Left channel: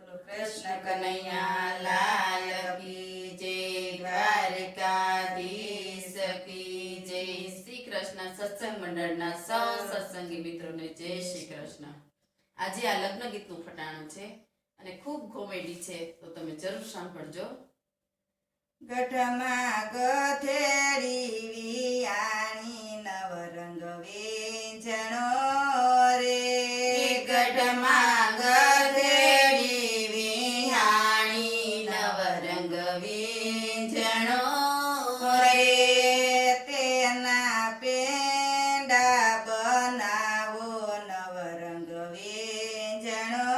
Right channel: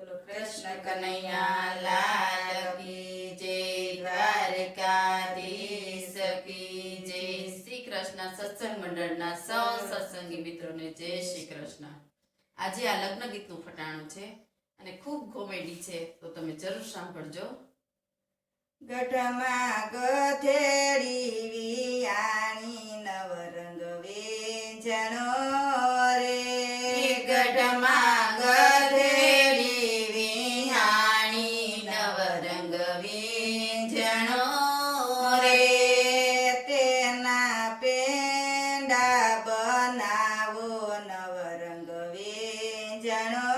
બોલો કૃષ્ણ કનૈયા લાલ કી જય, દ્વારકાધીશ કી જય। શ્રી કૃષ્ણ સત્સંગ મંડળના સૌ સત્સંગી મિત્રોને જય શ્રી કૃષ્ણ। આજે આ લગ્ન ગીતનું ફટાણું છે અને ખૂબ કોમેડી છે, તો તમે જરૂર સાંભળજો। ગઢમાં ગધેડી વિયાણી નવરંગ વેંજણો રે, ગઢમાં ગધેડી વિયાણી નવરંગ વેંજણો રે, તેના પેંડા બનાવો નવરંગ વેંજણો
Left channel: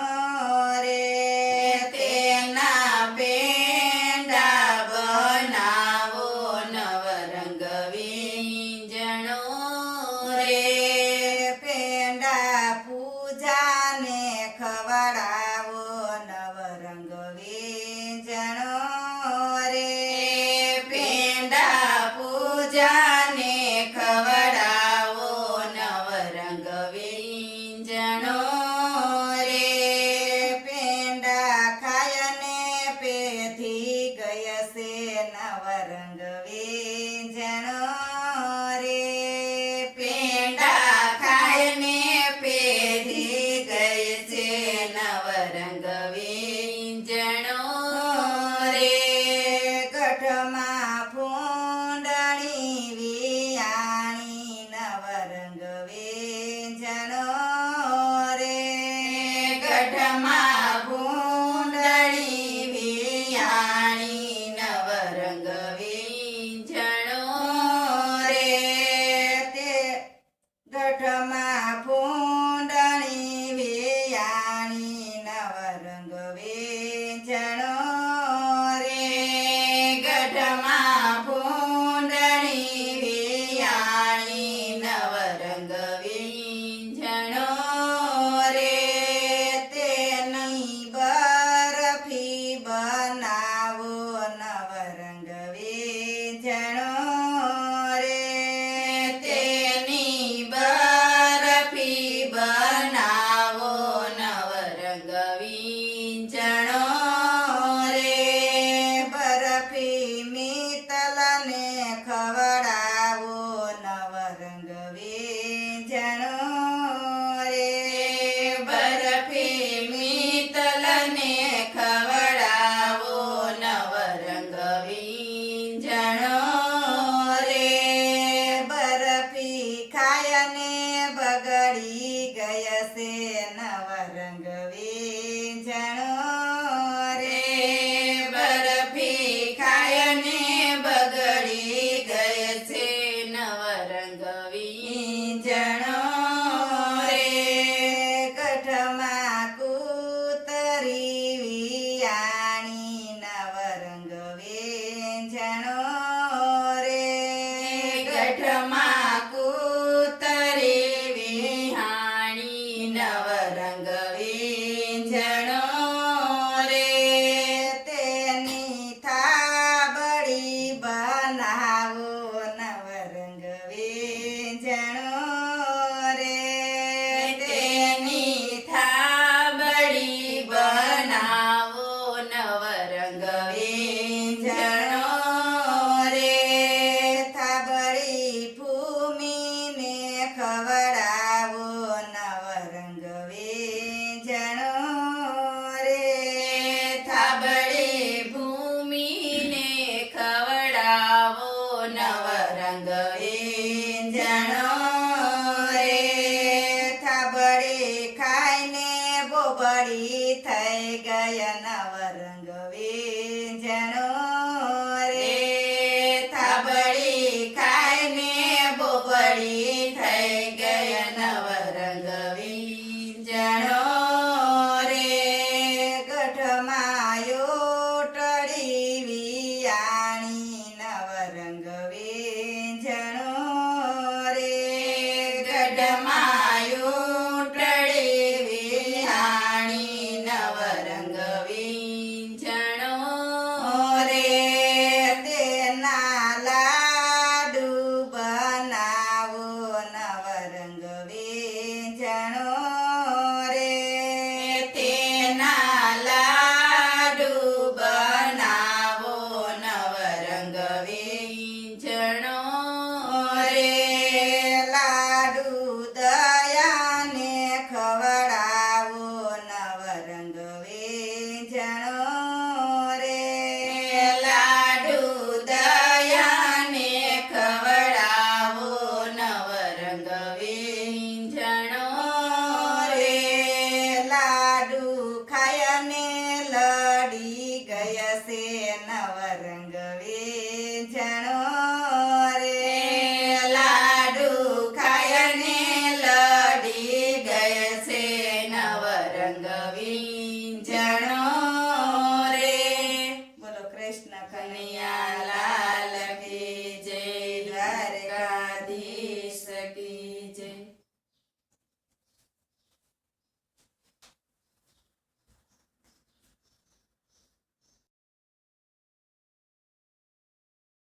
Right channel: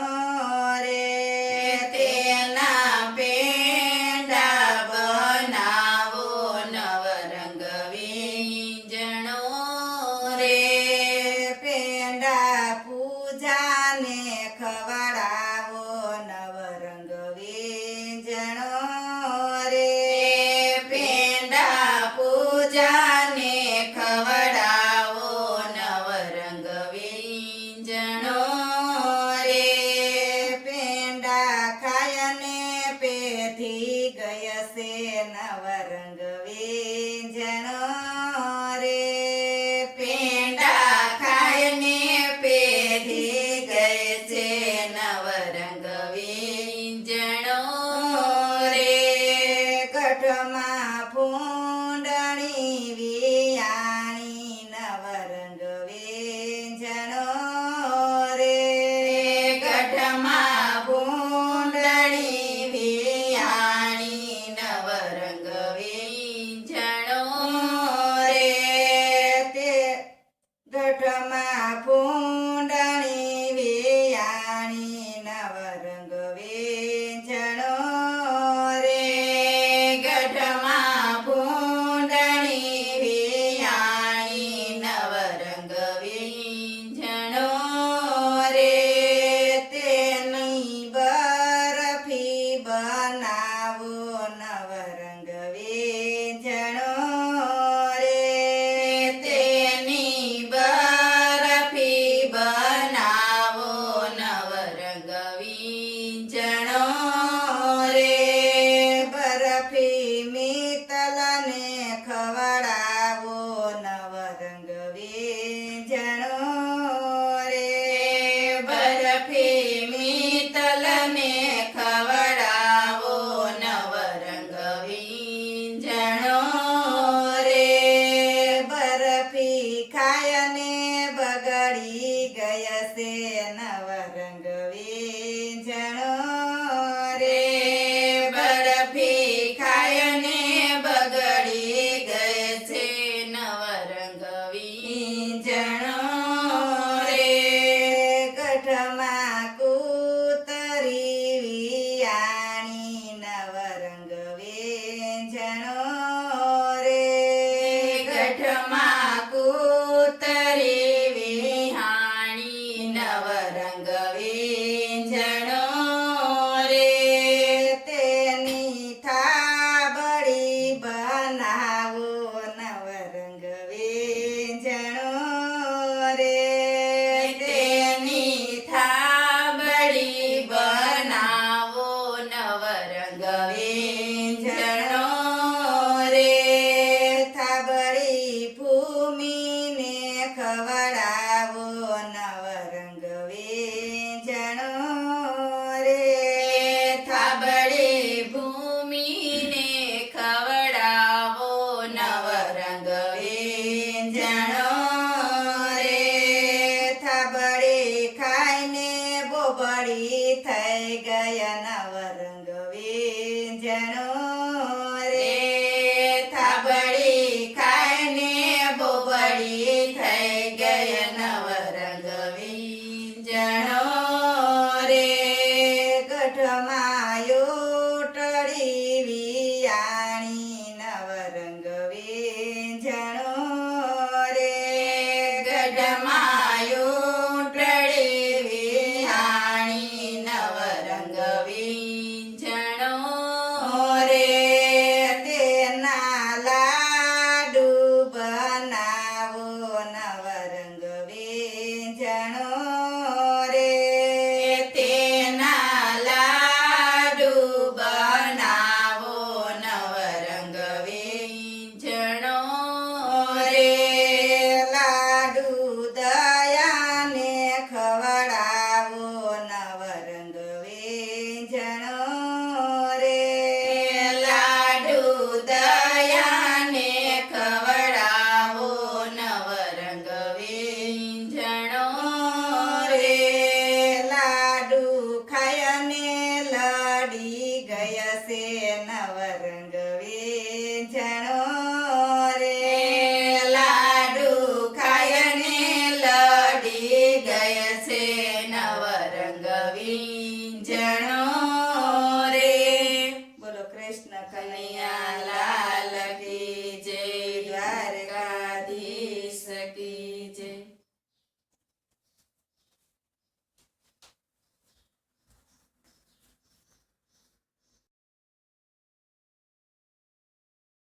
રે, તેના પેંડા બનાવો નવરંગ વેંજણો રે, પેંડા પૂજાને ખવડાવો નવરંગ વેંજણો રે, પેંડા પૂજાને ખવડાવો નવરંગ વેંજણો રે, પેંડા ખાયને પેથી ગય છે નવરંગ વેંજણો રે, પેંડા ખાઈને પેઢી ગઈ છે નવરંગ વેંજણો રે, ગઢમાં ફૂંડણી વિયાણી નવરંગ વેંજણો રે, ગઢમાં ભૂંડળી વિયાણી નવરંગ વેંજણો રે, તે ગઢમાં ફૂંડણી વિયાણી નવરંગ વેંજણો રે, ગઢમાં ભૂંડળી વિયાણી નવરંગ વેંજણો રે, તેની બરફી બનાવો નવરંગ વેંજણો રે, તેની બરફી બનાવો નવરંગ વેંજણો રે, બરફી મિત્તલને ખવડાવો નવરંગ વેંજણો રે, બરફી મિત્તલને ખવડાવો નવરંગ વેંજણો રે, બરફી ખાયને બગડી ગય છે નવરંગ વેંજણો રે, બરફી ખાઈને બગડી ગઈ છે નવરંગ વેંજણો રે, ગઢમાં કૂતરી વિયાણી નવરંગ વેંજણો રે, ગઢમાં કૂતરી વિહાણી નવરંગ વેંજણો રે, તેની થાબડી બનાવો નવરંગ વેંજણો રે, તેની થાબડી બનાવો નવરંગ વેંજણો રે, થાબડી ભૂમિને ખવડાવો નવરંગ વેંજણો રે, થાબડી ભૂમિને ખવડાવો નવરંગ વેંજણો રે, થાબડી ખાઈને બોબડી થઈ ગયા નવરંગ વેંજણો